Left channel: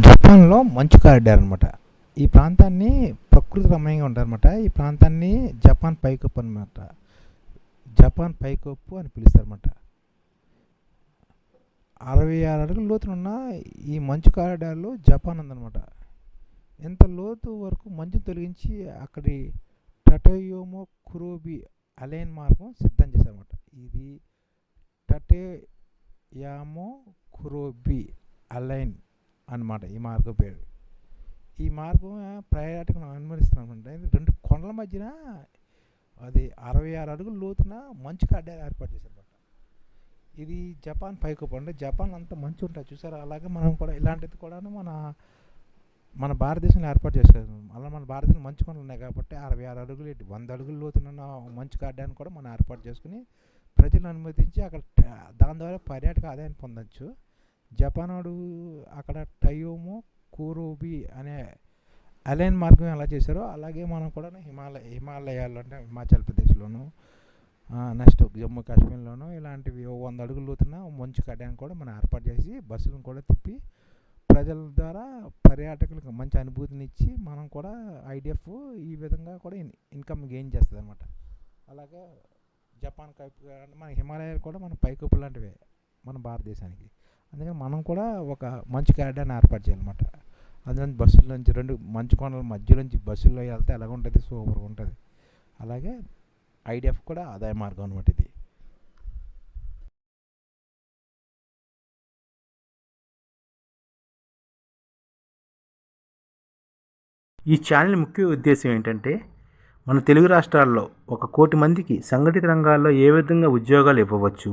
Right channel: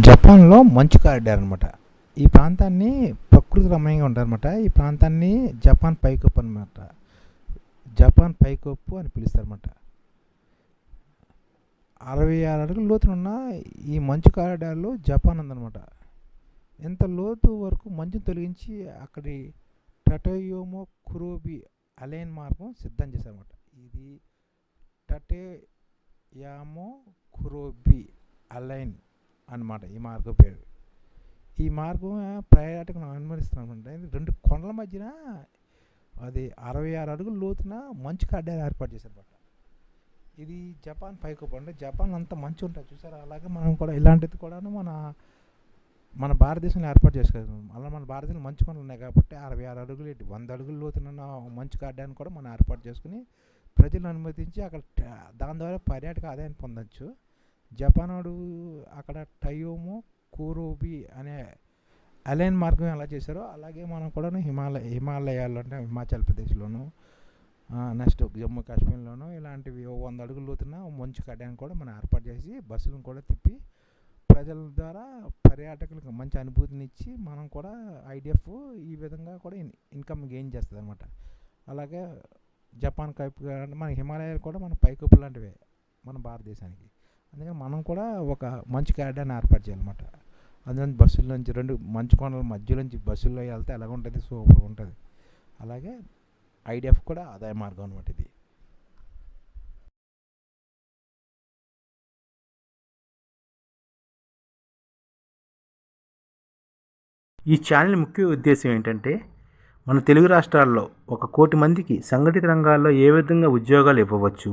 జపాన్లో మంచు కారిడార్ అనమాట ఈ ప్రాంతాన్ని ప్రకృతి రమణీయంగా ఉంటారనమాట ఈ ప్రాంతాన్ని జపాన్ పైకప్పు అనమాట జపాన్ పైకప్పు అని పిలుస్తారన్నమాట. అరవై ఆరు అడుగుల లోతునున్న ఈ మంచు కారిడార్లో జపాన్ ఉందన్నమాట. ఎంత లోతు వరకు మంచును తొలగించి అక్కడి టటయోమో కురోబి అలైన్ మార్గం సిద్ధం చేశారన్నమాట. ఇది టటేయామో కురోబి అలైన్ అన్నమాట ఈ మార్గం పేరు. ఈ మార్గం పర్యాటకులను అనుమతిస్తున్నామంటే రెండు కొండల మధ్యన అది అరవై ఆరు అడుగులు లోతున మంచు కడ్డాలు ఏర్పాటు చేశారనమాట ఇది జపాన్ పైకప్పు. అంటే జపాన్ అంతా మంచు ఉంటుంది చూసారా? అలాగే మనం కూడా ఇలాంటిది కూడా మన మన భారతదేశంలో ఏర్పాటు చేసుకోగలం. అలా మన భారతదేశంలో మంచు కొండలు ఉన్నాయి కాబట్టి అరవై ఆరు అడుగులు ఏంటి వంద అడుగులు లోతున్న మంచు కడ్డాన్ని కూడా మనం ఏర్పాటు చేసుకుని ప్రజలను అనుమతించి అక్కడ దాని ద్వారా పర్యాటక ఆదాయాన్ని పొందొచ్చు. జపాన్ వాడు అక్కడ టయోమో కూరోబి అనే అలైన్ మార్గం ఎలా చేశారో అలాగే మనం కూడా హిమాలయ హిమాలయాల్లో అంటే హిమాచల్ ప్రదేశ్లోను నెక్స్ట్ జమ్మూ కాశ్మీర్లోను ఇలాంటివి వంద అడుగులు లోతున్న మంచు కడ్డాన్ని కూడా మనం ఏర్పాటు చేసి బస్సులను కూడా తిప్పి ప్రజల ద్వారా పర్యాటకులకు మంచి అనుభూతిని ఇచ్చి మనం కూడా ఐడిఎఫ్ ఈ విధంగా కూడా ఇన్ ఇన్కమ్ గెయిన్ చేస్తుంది అనమాట అలాగే జపాన్ కైపు అంటే మన హిమాలయాలు కూడా మన పైకప్పు లాంటివే మన భారతదేశానికి. అందుకని మనం కూడా ఒక మంచి గార్డెన్ ఏర్పాటు చేయాలన్నమాట. అందులో బస్సుల నుంచి రెండు మంచు కొండల మధ్యలోంచి బస్సుల్లో వెళ్తే ఎలాగ ఉంటుంది? సూపర్గా ఉంటుంది. అలాగే ఐడిఎఫ్ కూడా ఆదాయ మార్గం అనమాట ఇది. ఈ ఛానల్ ముఖ్య ఉద్దేశం ఏంటంటే మన తెలుగు రాష్ట్రాల్లో ఒక కోటి మందికి సంఘటిత రంగాల్లో ఏ విధంగా ఉద్యోగాలు ఇవ్వవచ్చు